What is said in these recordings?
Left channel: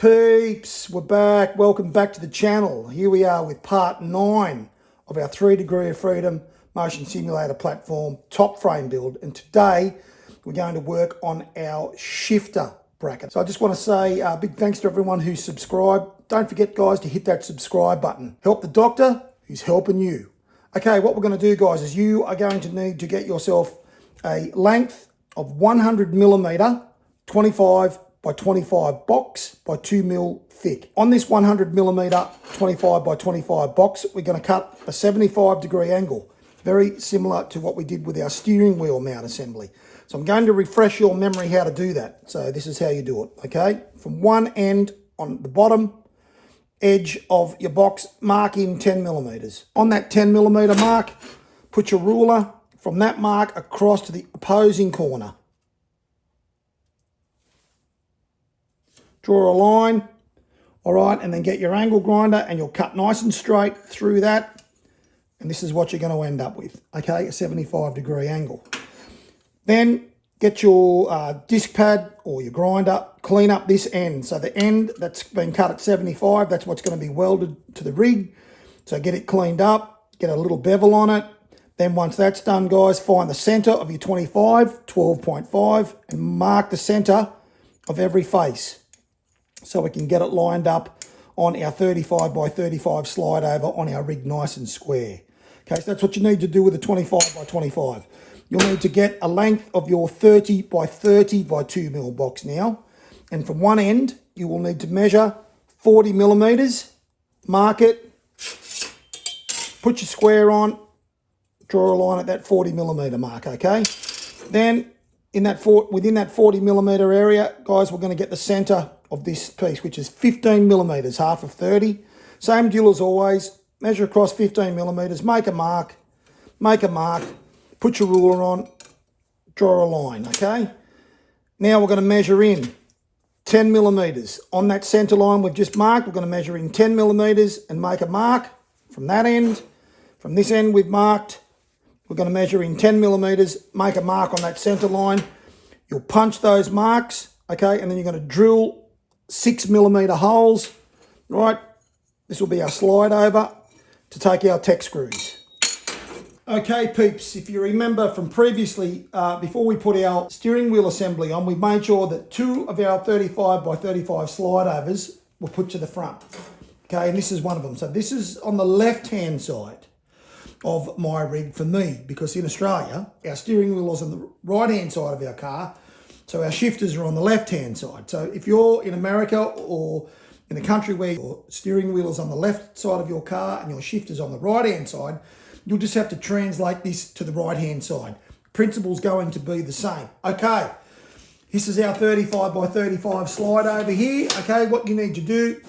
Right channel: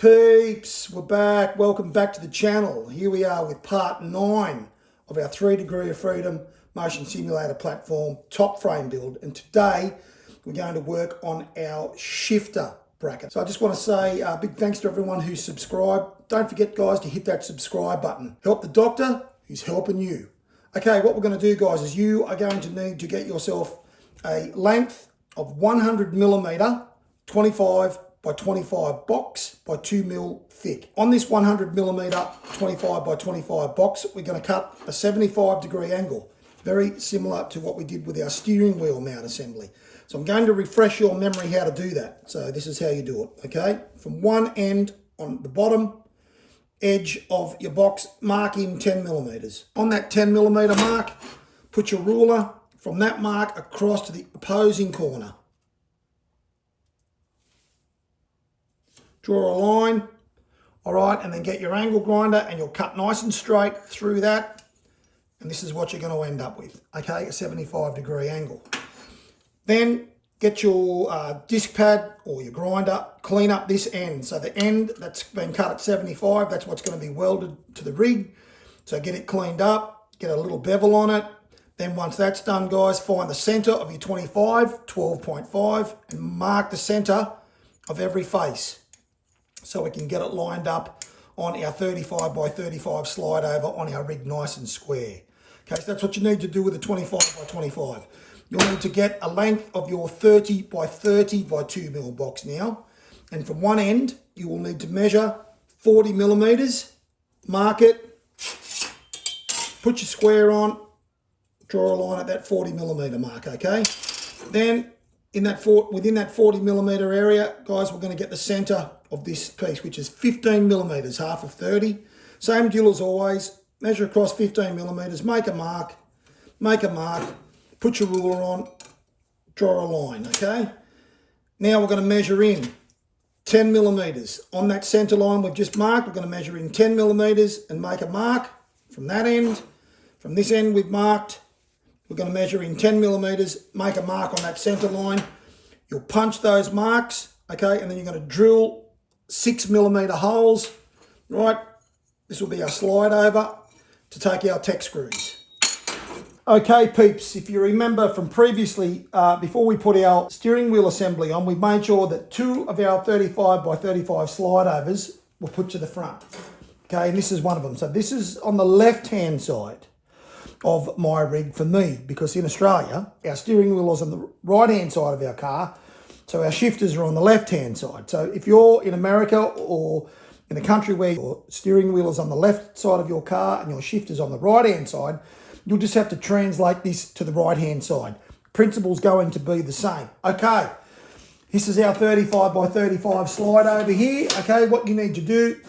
Peeps, we're back. Welcome back to the channel. Here we are with part 9 of our 3 Degree of Freedom motion simulator platform top frame build. And today we're going to work on our shifter bracket. So I just want to say a big thanks to everyone who's subscribed. Don't forget, guys, to hit that subscribe button. Help the doctor who's helping you. Okay, what we're going to do, guys, is you are going to need to get yourself a length of 100 millimeter 25 by 25 box by 2 mil thick. On this 100 millimeter 25 by 25 box, we're going to cut a 75-degree angle, very similar to what we did with our steering wheel mount assembly. So I'm going to refresh your memory how to do that. So this is how you do it, okay? From one end on the bottom edge of your box, mark in 10 millimeters. On that 10 millimeter mark, put your ruler from that mark across to the opposing corner. Draw a line, all right, and then get your angle grinder and you'll cut nice and straight through that. And this is what you're going to end up with, okay, a 75-degree angle. Then get your disc pad or your grinder, clean up this end. So the end that's been cut at 75, that's what's going to be welded to the rig. So get it cleaned up, get a little bevel on it. Then once that's done, guys, find the center of your 25, 12.5, and mark the center of every face, so we can get it lined up on our 35 by 35 slide over on our rig nice and square. Okay, so that's what you need to do with the 25 by 25. You'll need to get a length of your 30 by 30 by 2 mil box now. And from one end, you will need to measure 40 millimeters, mark it, put your square on, draw a line at that 40 millimeter mark, okay? Then within that 40 millimeter area, guys, we're going to get the center of this piece, which is 15 millimeters, half of 30. Same deal as always. Measure across 15 millimeters, make a mark, put your ruler on, draw a line, okay? Now we're going to measure in 10 millimeters. On that center line we've just marked, we're going to measure in 10 millimeters and make a mark from that end. From this end we've marked, we're going to measure in 10 millimeters, make a mark on that center line. You'll punch those marks, okay, and then you're going to drill 6 millimeter holes, right? This will be our slide over to take our tech screws. Okay, peeps, if you remember from previously, before we put our steering wheel assembly on, we made sure that 2 of our 35 by 35 slide overs were put to the front. Okay, and this is one of them. So this is on the left-hand side of my rig for me, because in Australia, our steering wheel is on the right-hand side of our car, so our shifters are on the left-hand side. So if you're in America or in a country where your steering wheel is on the left side of your car and your shifter's on the right-hand side, you'll just have to translate this to the right-hand side. Principle's going to be the same. Okay, this is our 35 by 35 slide over here. Okay, what you need to do,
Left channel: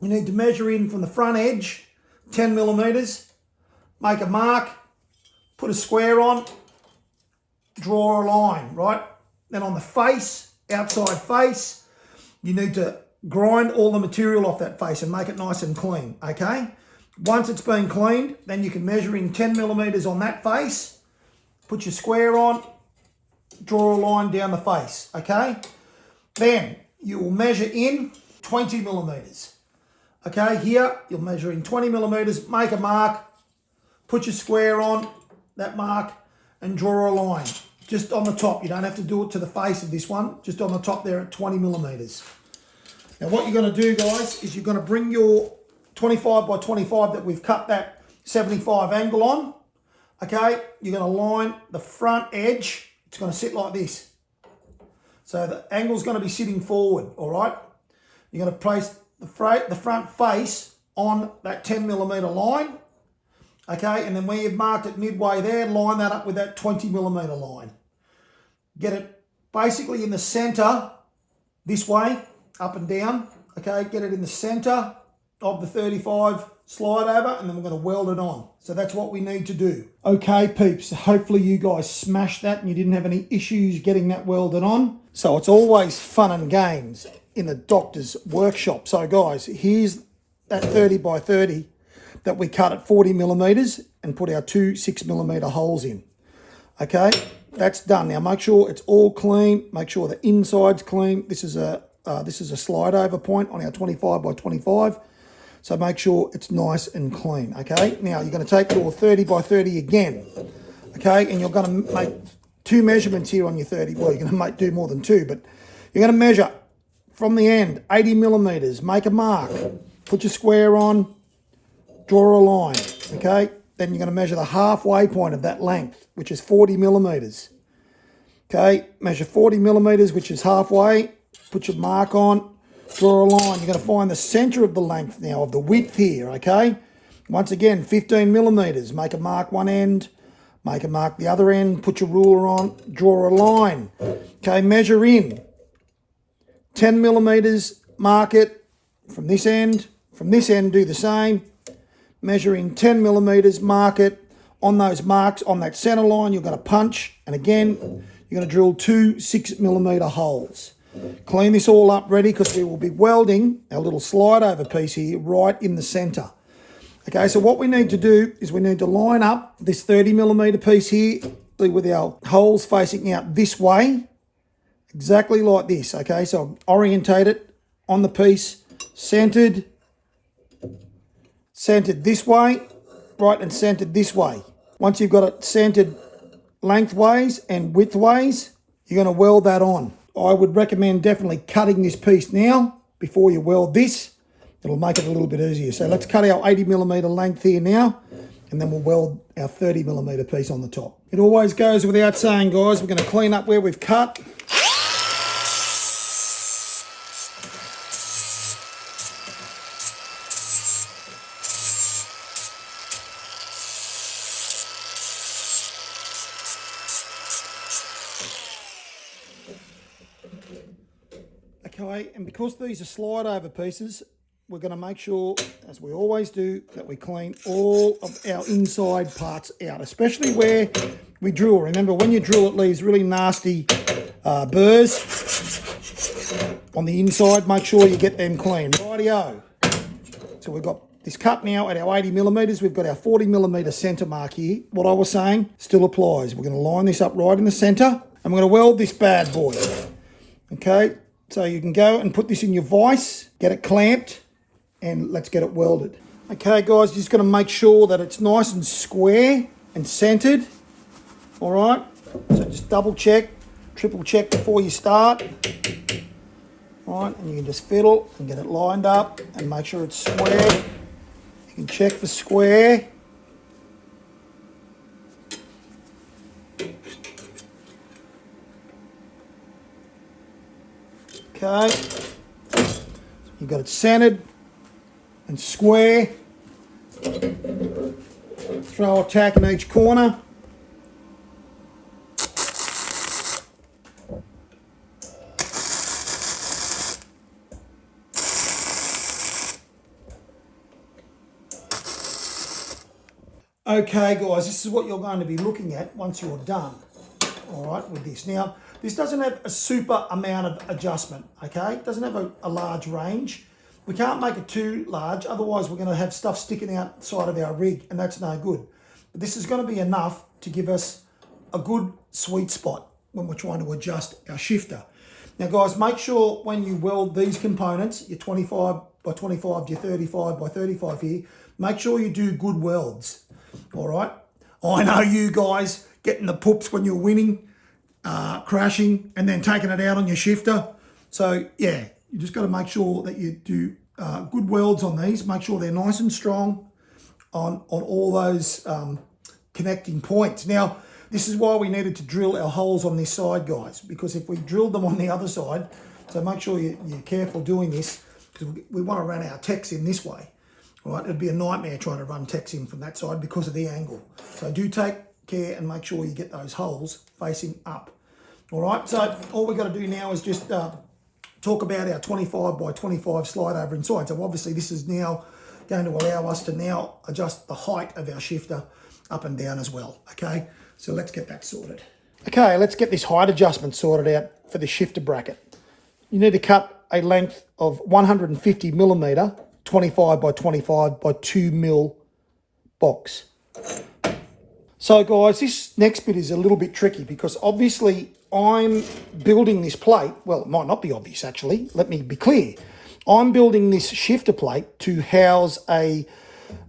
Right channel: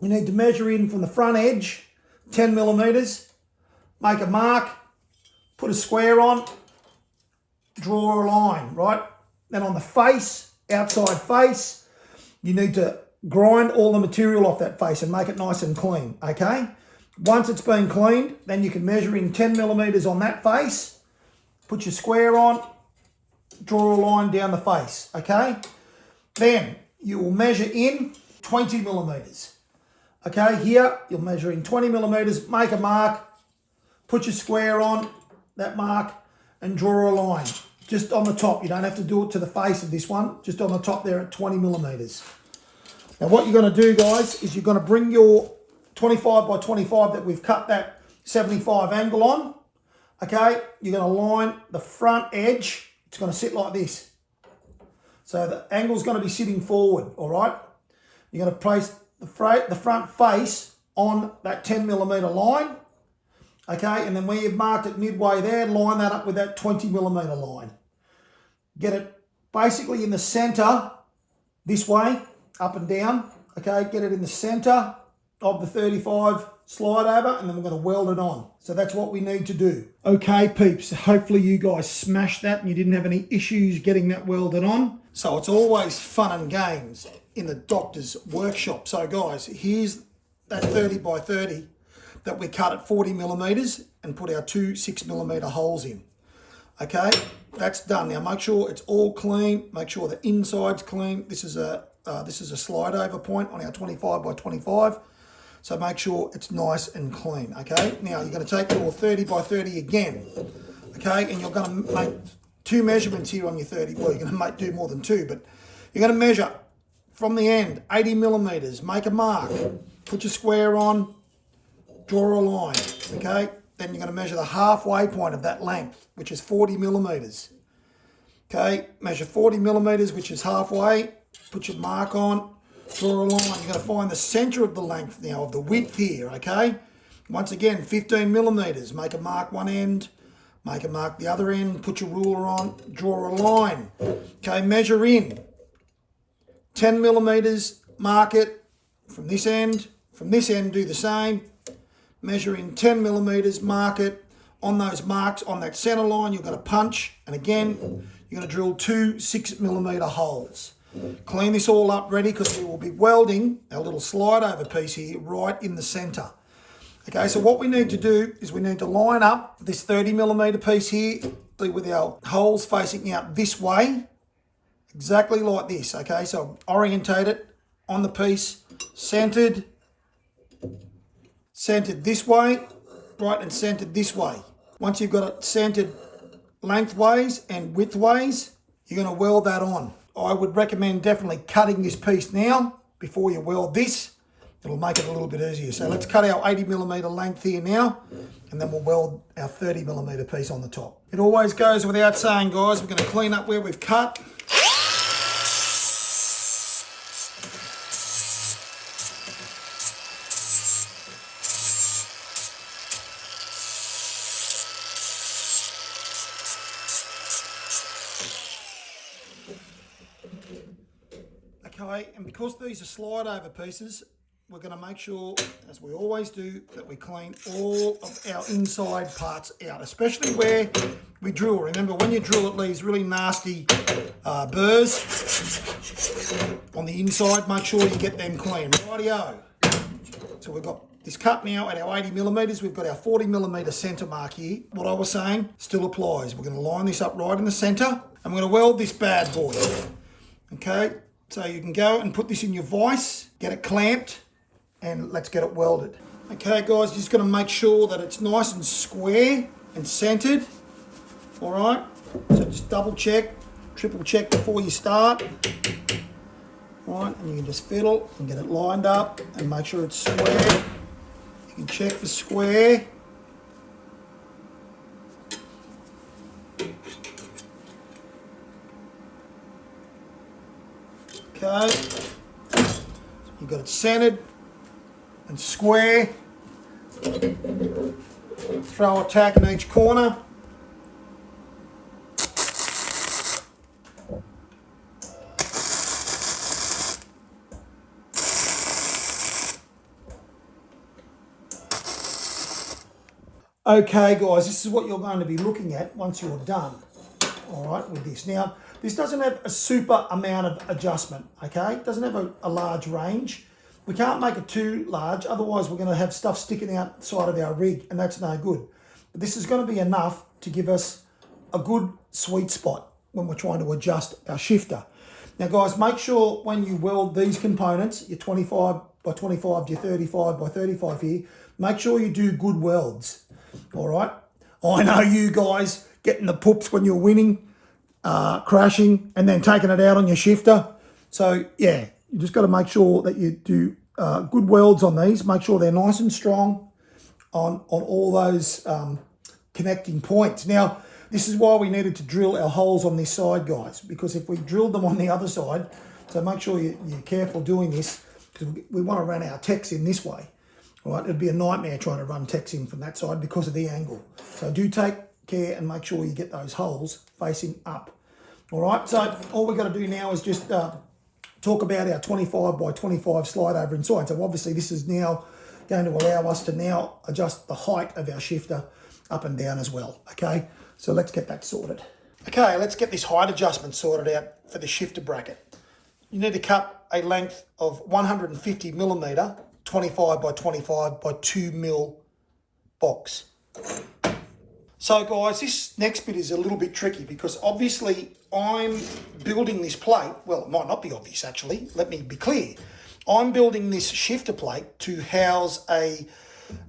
you need to measure in from the front edge, 10 millimeters, make a mark, put a square on, draw a line, right? Then on the face, outside face, you need to grind all the material off that face and make it nice and clean, okay? Once it's been cleaned, then you can measure in 10 millimeters on that face, put your square on, draw a line down the face, okay? Then you will measure in 20 millimeters. Okay, here you'll measure in 20 millimeters, make a mark, put your square on that mark and draw a line. Just on the top, you don't have to do it to the face of this one, just on the top there at 20 millimeters. Now what you're going to do, guys, is you're going to bring your 25 by 25 that we've cut that 75 angle on, okay? You're going to line the front edge, it's going to sit like this. So the angle's going to be sitting forward, all right? You're going to place the front face on that 10 millimeter line, okay, and then where you've marked it midway there, line that up with that 20 millimeter line. Get it basically in the center this way, up and down, okay, get it in the center of the 35 slide over, and then we're going to weld it on. So that's what we need to do. Okay, peeps, hopefully you guys smashed that and you didn't have any issues getting that welded on. So it's always fun and games in the doctor's workshop. So guys, here's that 30 by 30 that we cut at 40 millimeters and put our 2 6 millimeter holes in. Okay, that's done. Now make sure it's all clean, make sure the inside's clean. This is a this is a slide over point on our 25 by 25. So make sure it's nice and clean, okay? Now you're going to take your 30 by 30 again, okay? And you're going to make 2 measurements here on your 30. Well, you're going to do more than 2, but you're going to measure from the end, 80 millimeters, make a mark, put your square on, draw a line, okay? Then you're going to measure the halfway point of that length, which is 40 millimeters. Okay, measure 40 millimeters, which is halfway, put your mark on, draw a line. You're going to find the center of the length now, of the width here, okay? Once again, 15 millimeters, make a mark one end, make a mark the other end, put your ruler on, draw a line. Okay, measure in 10 millimeters, mark it from this end do the same. Measure in 10 millimeters, mark it. On those marks, on that center line, you're going to punch, and again, you're going to drill 2 6-millimeter holes. Clean this all up ready, because we will be welding our little slide over piece here right in the center. Okay, so what we need to do is we need to line up this 30 millimeter piece here with our holes facing out this way, exactly like this. Okay, so orientate it on the piece, centered this way, right, and centered this way. Once you've got it centered lengthways and widthways, you're going to weld that on. I would recommend definitely cutting this piece now before you weld this. It'll make it a little bit easier. So let's cut our 80 millimeter length here now, and then we'll weld our 30 millimeter piece on the top. It always goes without saying, guys, we're going to clean up where we've cut. Okay, and because these are slide over pieces, we're going to make sure, as we always do, that we clean all of our inside parts out, especially where we drill. Remember, when you drill, it leaves really nasty burrs on the inside. Make sure you get them clean. Rightio. So we've got this cut now at our 80 millimeters. We've got our 40 millimeter center mark here. What I was saying still applies. We're going to line this up right in the center, and we're going to weld this bad boy. Okay, so you can go and put this in your vise, get it clamped, and let's get it welded. Okay, guys, just going to make sure that it's nice and square and centered. All right, so just double check, triple check before you start. All right, and you can just fiddle and get it lined up and make sure it's square. You can check for square. Okay, you got it centered and square. Throw a tack in each corner. Okay, guys, this is what you're going to be looking at once you're done. All right, with this. Now, this doesn't have a super amount of adjustment, okay? It doesn't have a large range. We can't make it too large, otherwise we're going to have stuff sticking outside of our rig, and that's no good. But this is going to be enough to give us a good sweet spot when we're trying to adjust our shifter. Now, guys, make sure when you weld these components, your 25 by 25 to your 35 by 35 here, make sure you do good welds, all right? I know you guys getting the poops when you're winning, crashing, and then taking it out on your shifter. So, yeah, you just got to make sure that you do good welds on these. Make sure they're nice and strong on all those connecting points. Now, this is why we needed to drill our holes on this side, guys, because if we drilled them on the other side, so make sure you're careful doing this, because we want to run our techs in this way. All right, it'd be a nightmare trying to run techs in from that side because of the angle. So do take care and make sure you get those holes facing up. All right, so all we've got to do now is just talk about our 25 by 25 slide over inside. So obviously this is now going to allow us to now adjust the height of our shifter up and down as well, okay? So let's get that sorted. Okay, let's get this height adjustment sorted out for the shifter bracket. You need to cut a length of 150 millimeter, 25 by 25 by 2 mil box. So guys, this next bit is a little bit tricky because obviously I'm building this plate. Well, it might not be obvious actually. Let me be clear. I'm building this shifter plate to house a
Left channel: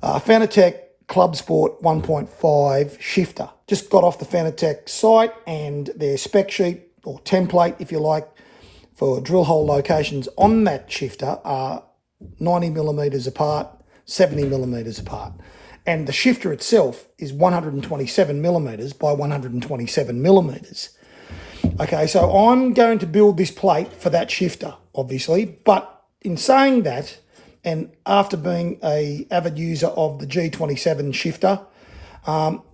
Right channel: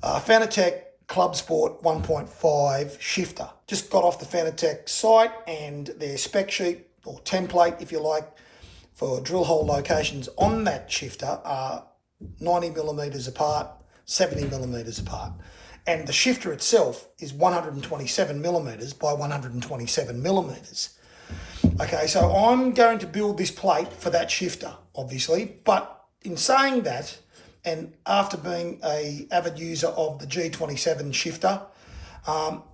Fanatec Club Sport 1.5 shifter. Just got off the Fanatec site and their spec sheet or template, if you like, for drill hole locations on that shifter are 90 millimeters apart, 70 millimeters apart. And the shifter itself is 127 millimeters by 127 millimeters. Okay, so I'm going to build this plate for that shifter, obviously. But in saying that, and after being an avid user of the G27 shifter,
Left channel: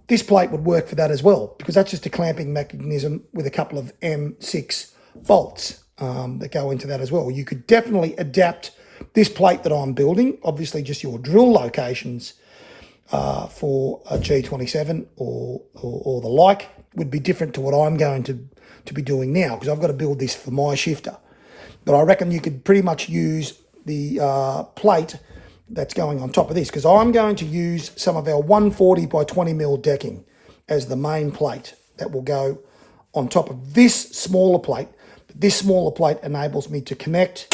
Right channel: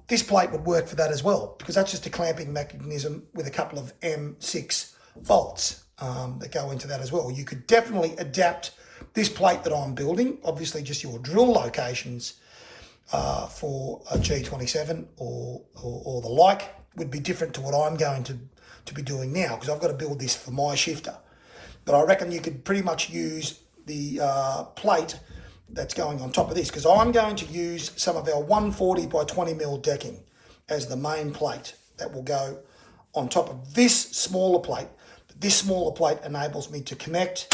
this plate would work for that as well, because that's just a clamping mechanism with a couple of M6 bolts that go into that as well. You could definitely adapt this plate that I'm building, obviously just your drill locations, for a G27 or the like would be different to what I'm going to be doing now, because I've got to build this for my shifter. But I reckon you could pretty much use the plate that's going on top of this, because I'm going to use some of our 140 by 20 mil decking as the main plate that will go on top of this smaller plate. This smaller plate enables me to connect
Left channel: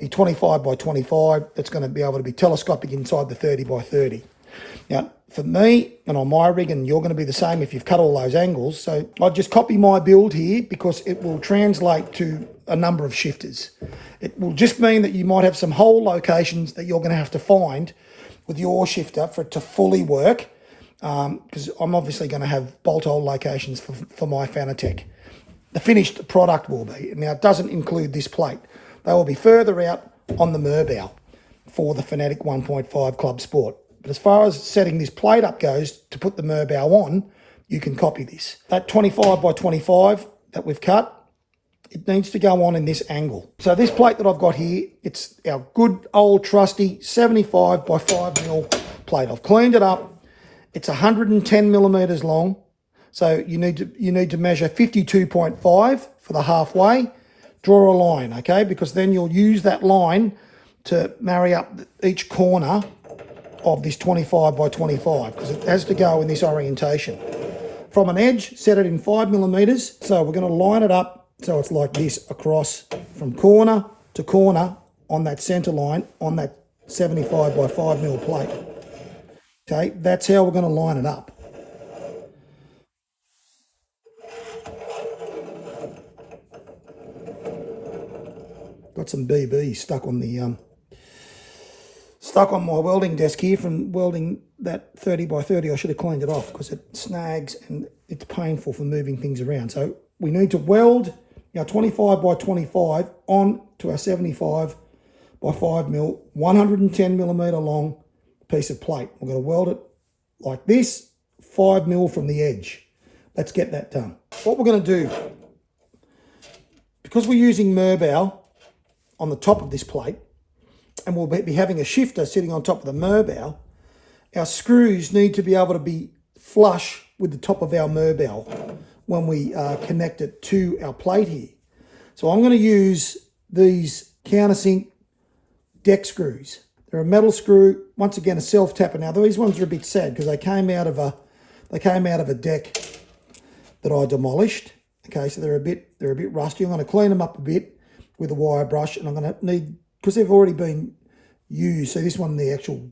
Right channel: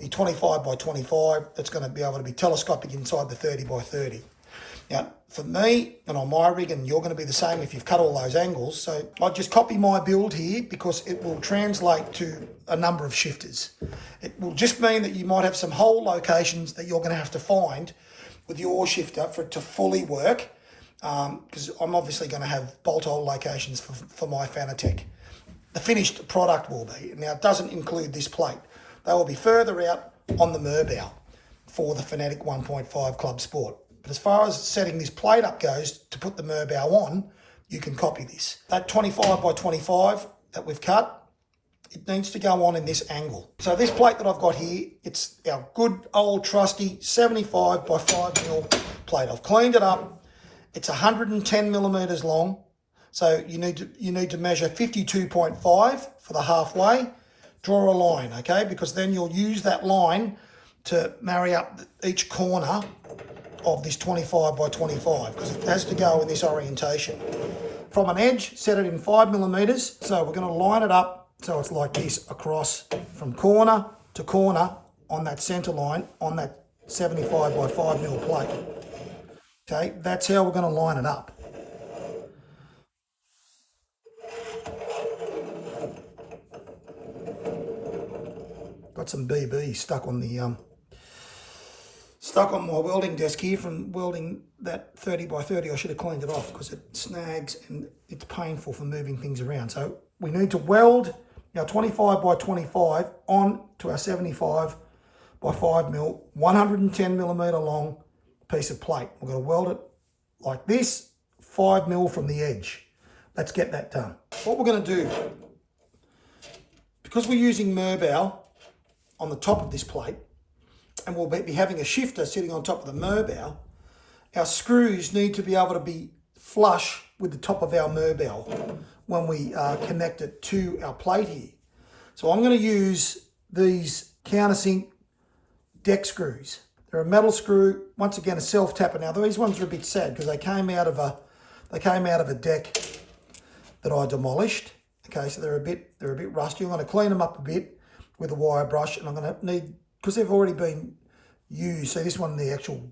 the 25 by 25 that's going to be able to be telescopic inside the 30 by 30. Now, for me and on my rig, and you're going to be the same if you've cut all those angles, so I'll just copy my build here because it will translate to a number of shifters. It will just mean that you might have some hole locations that you're going to have to find with your shifter for it to fully work, because I'm obviously going to have bolt hole locations for my Fanatec. The finished product will be. Now, it doesn't include this plate. They will be further out on the Merbow for the Fanatec 1.5 Club Sport. But as far as setting this plate up goes, to put the Merbow on, you can copy this. That 25 by 25 that we've cut, it needs to go on in this angle. So this plate that I've got here, it's our good old trusty 75 by 5 mil plate. I've cleaned it up. It's 110 millimeters long. So you need to measure 52.5 for the halfway. Draw a line, okay? Because then you'll use that line to marry up each corner of this 25 by 25, because it has to go in this orientation. From an edge, set it in 5 millimeters. So we're going to line it up so it's like this across from corner to corner on that center line on that 75 by 5 mil plate. Okay, that's how we're going to line it up. Got some BB stuck on my welding desk here from welding that 30 by 30. I should have cleaned it off because it snags and it's painful for moving things around. So we need to weld our 25 by 25 on to our 75 by 5 mil, 110 millimeter long piece of plate. We're going to weld it like this, 5 mil from the edge. Let's get that done. What we're going to do, because we're using Merbow on the top of this plate, and we'll be having a shifter sitting on top of the Merbow, our screws need to be able to be flush with the top of our Merbow when we connect it to our plate here. So I'm going to use these countersink deck screws. They're a metal screw, once again a self-tapper. Now these ones are a bit sad because they came out of a deck that I demolished. Okay, so they're a bit rusty. I'm going to clean them up a bit with a wire brush, and I'm going to need, because they've already been used, so this one, the actual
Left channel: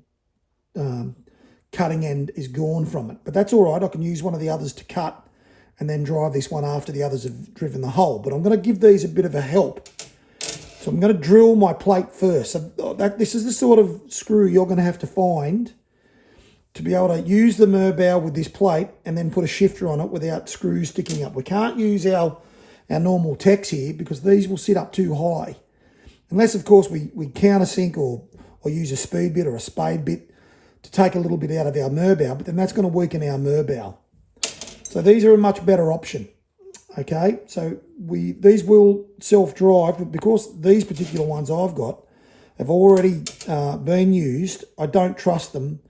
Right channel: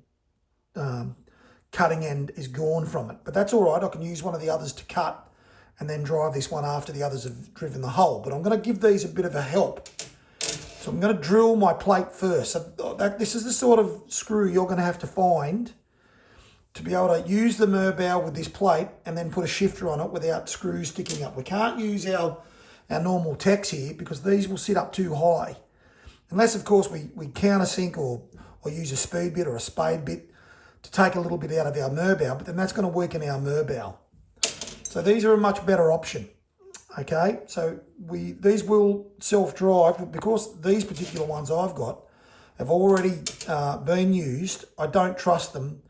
cutting end is gone from it. But that's all right, I can use one of the others to cut and then drive this one after the others have driven the hole. But I'm going to give these a bit of a help. So I'm going to drill my plate first. So this is the sort of screw you're going to have to find to be able to use the Merbow with this plate and then put a shifter on it without screws sticking up. We can't use our normal techs here because these will sit up too high. Unless, of course, we countersink or use a speed bit or a spade bit to take a little bit out of our Merbow, but then that's going to weaken our Merbow. So these are a much better option. Okay, so these will self-drive, but because these particular ones I've got have already been used, I don't trust them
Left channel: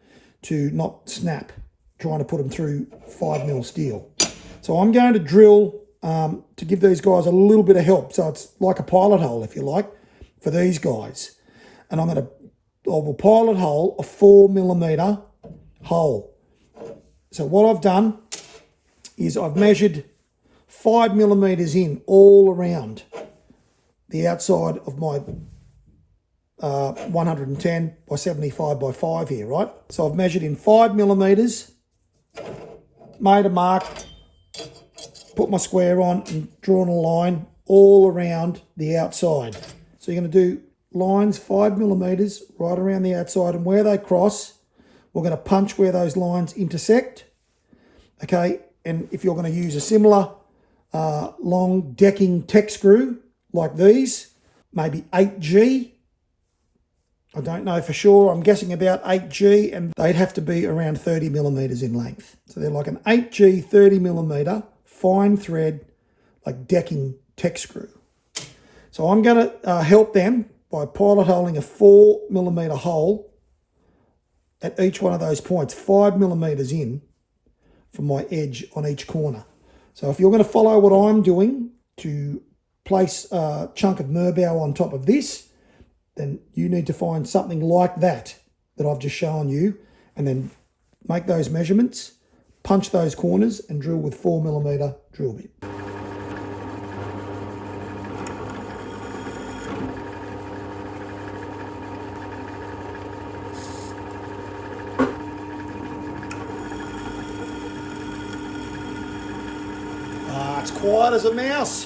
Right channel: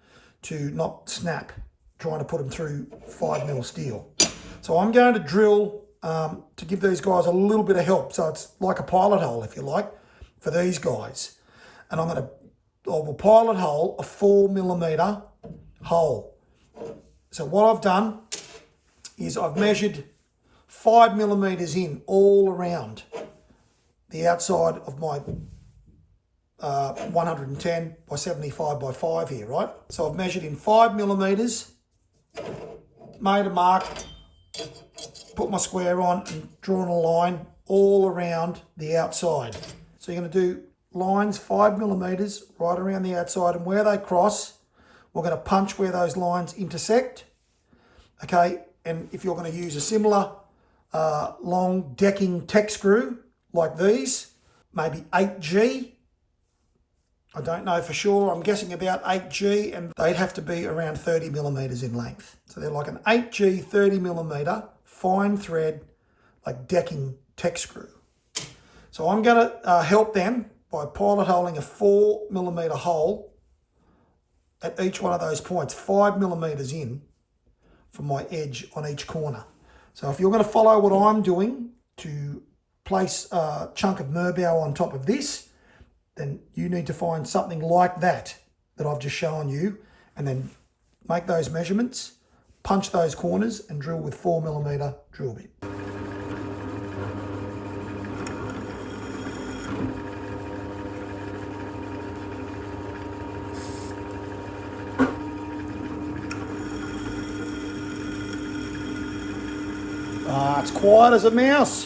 to not snap trying to put them through 5 mil steel. So I'm going to drill to give these guys a little bit of help. So it's like a pilot hole, if you like, for these guys. And I will pilot hole a 4 millimeter hole. So what I've done is I've measured 5 millimeters in all around the outside of my 110 by 75 by 5 here, right? So I've measured in 5 millimeters, made a mark, put my square on and drawn a line all around the outside. So you're going to do lines 5 millimeters right around the outside, and where they cross, we're going to punch where those lines intersect. Okay, and if you're going to use a similar long decking tech screw like these, maybe 8G, I don't know for sure, I'm guessing about 8G, and they'd have to be around 30 millimeters in length. So they're like an 8G 30 millimeter fine thread, like decking tech screw. So I'm going to help them by pilot holing a 4 millimeter hole at each one of those points, 5 millimeters in from my edge on each corner. So if you're going to follow what I'm doing to place a chunk of Merbau on top of this, then you need to find something like that I've just shown you, and then make those measurements, punch those corners and drill with 4 millimeter drill bit. It's quiet as a mouse.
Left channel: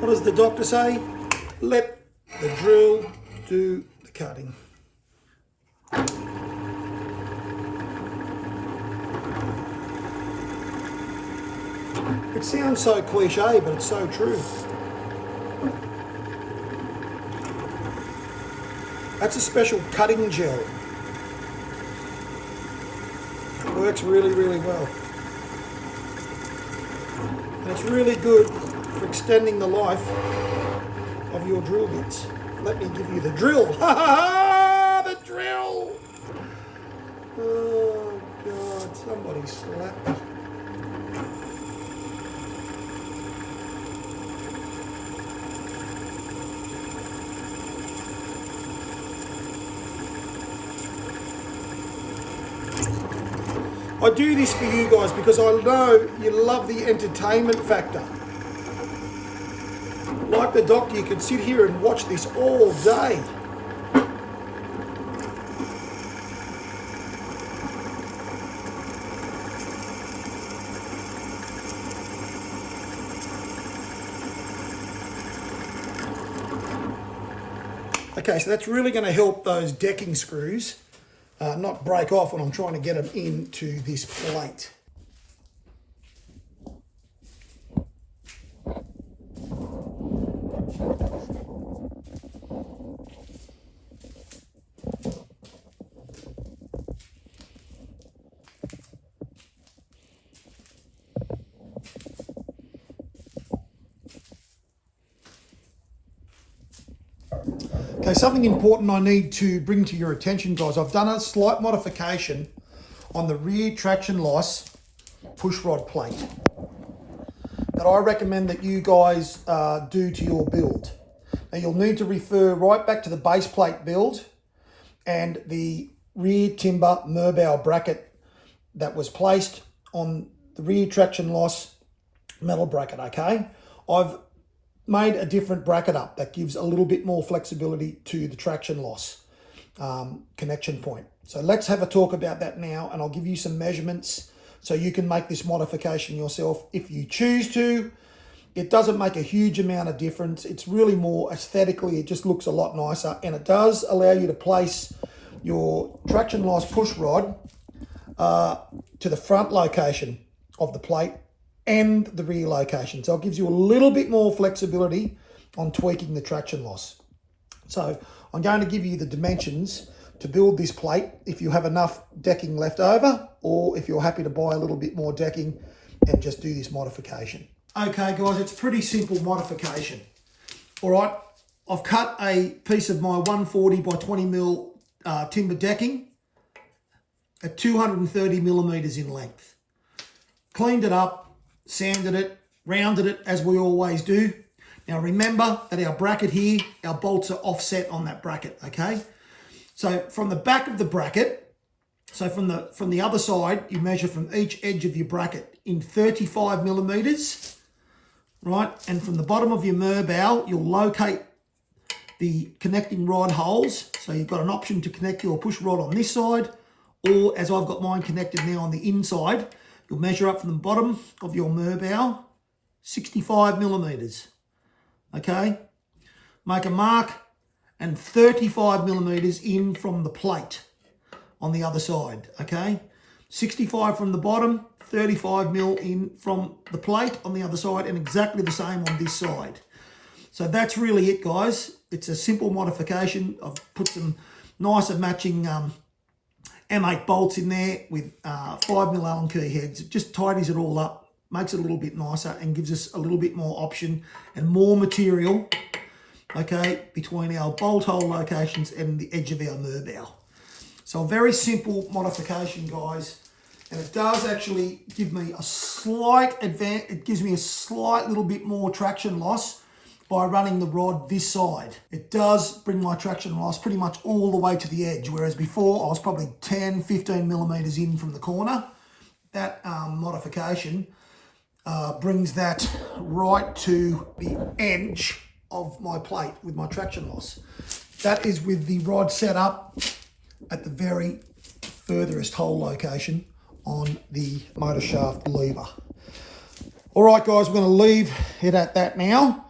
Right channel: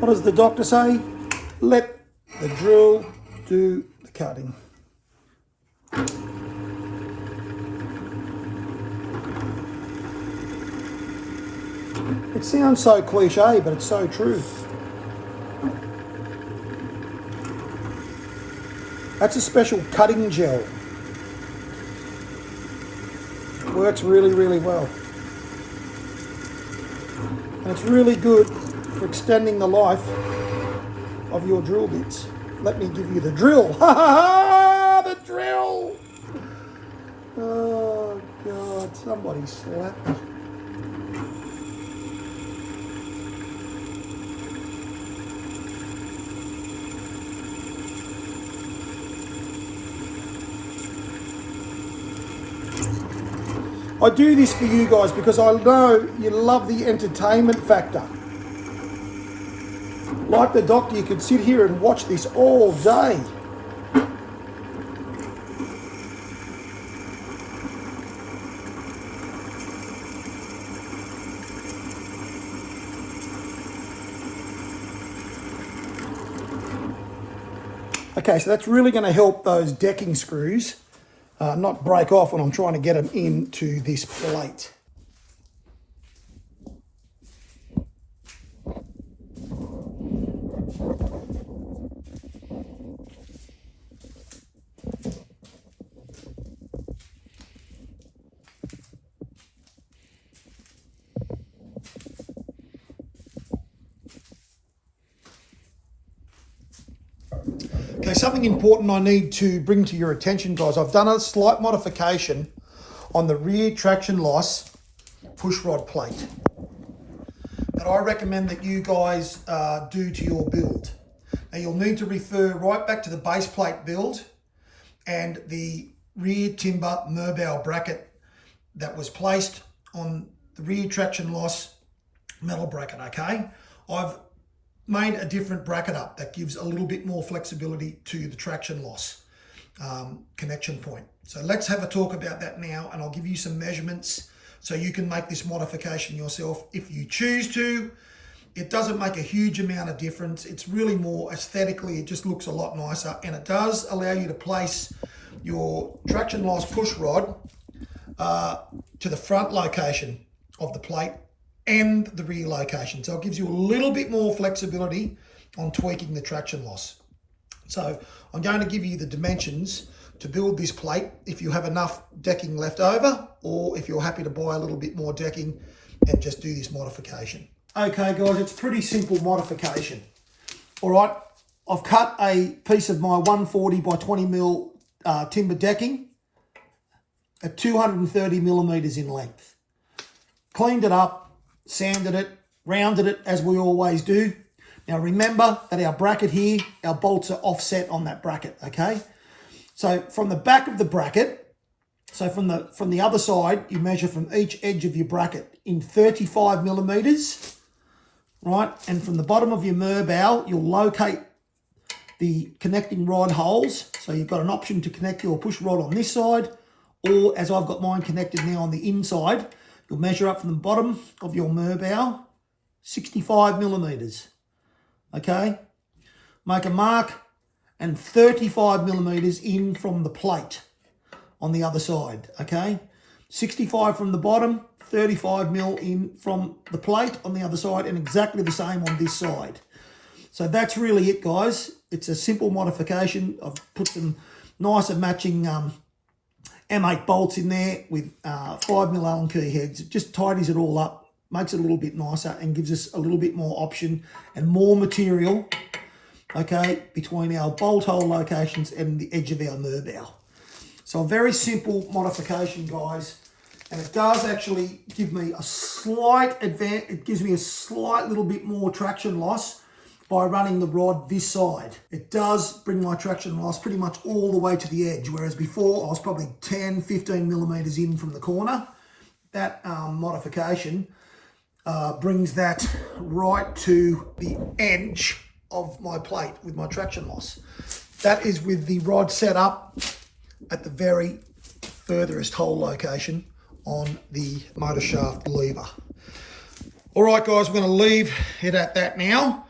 What does the doctor say? Let the drill do the cutting. It sounds so cliche, but it's so true. That's a special cutting gel. It works really, really well. And it's really good for extending the life of your drill bits. Let me give you the drill. Ha ha ha! The drill! Oh God, somebody slapped me. I do this for you guys because I know you love the entertainment factor. Like the doctor, you could sit here and watch this all day. Okay, so that's really going to help those decking screws not break off when I'm trying to get them into this plate. Okay, something important I need to bring to your attention, guys. I've done a slight modification on the rear traction loss pushrod plate that I recommend that you guys do to your build. Now, you'll need to refer right back to the base plate build and the rear timber Merbau bracket that was placed on the rear traction loss metal bracket, okay? I've made a different bracket up that gives a little bit more flexibility to the traction loss connection point. So let's have a talk about that now, and I'll give you some measurements so you can make this modification yourself if you choose to. It doesn't make a huge amount of difference. It's really more aesthetically, it just looks a lot nicer, and it does allow you to place your traction loss push rod to the front location of the plate and the rear location. So it gives you a little bit more flexibility on tweaking the traction loss. So I'm going to give you the dimensions to build this plate if you have enough decking left over, or if you're happy to buy a little bit more decking and just do this modification. Okay guys, it's pretty simple modification. All right, I've cut a piece of my 140 by 20 mil timber decking at 230 millimeters in length. Cleaned it up, sanded it, rounded it as we always do. Now remember that our bracket here, our bolts are offset on that bracket, okay? So from the back of the bracket, so from the other side, you measure from each edge of your bracket in 35 millimeters, right? And from the bottom of your Merbau, you'll locate the connecting rod holes. So you've got an option to connect your push rod on this side, or as I've got mine connected now on the inside, you'll measure up from the bottom of your Merbau, 65 millimeters, okay? Make a mark and 35 millimeters in from the plate on the other side, okay? 65 from the bottom, 35 mil in from the plate on the other side, and exactly the same on this side. So that's really it, guys. It's a simple modification. I've put some nice and matching M8 bolts in there with 5mm Allen key heads. It just tidies it all up, makes it a little bit nicer, and gives us a little bit more option and more material, okay, between our bolt hole locations and the edge of our Merbau. So a very simple modification, guys. And it does actually give me a slight advance. It gives me a slight little bit more traction loss by running the rod this side. It does bring my traction loss pretty much all the way to the edge, whereas before I was probably 10, 15 millimeters in from the corner. That modification brings that right to the edge of my plate with my traction loss. That is with the rod set up at the very furthest hole location on the motor shaft lever. All right, guys, we're going to leave it at that now.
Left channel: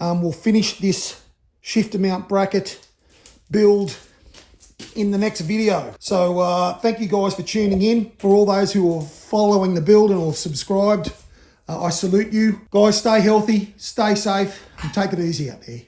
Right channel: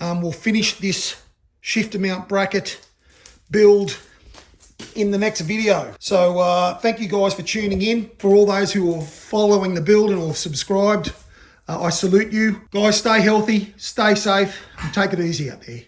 We'll finish this shifter mount bracket build in the next video. So thank you guys for tuning in. For all those who are following the build and have subscribed, I salute you. Guys, stay healthy, stay safe, and take it easy out there.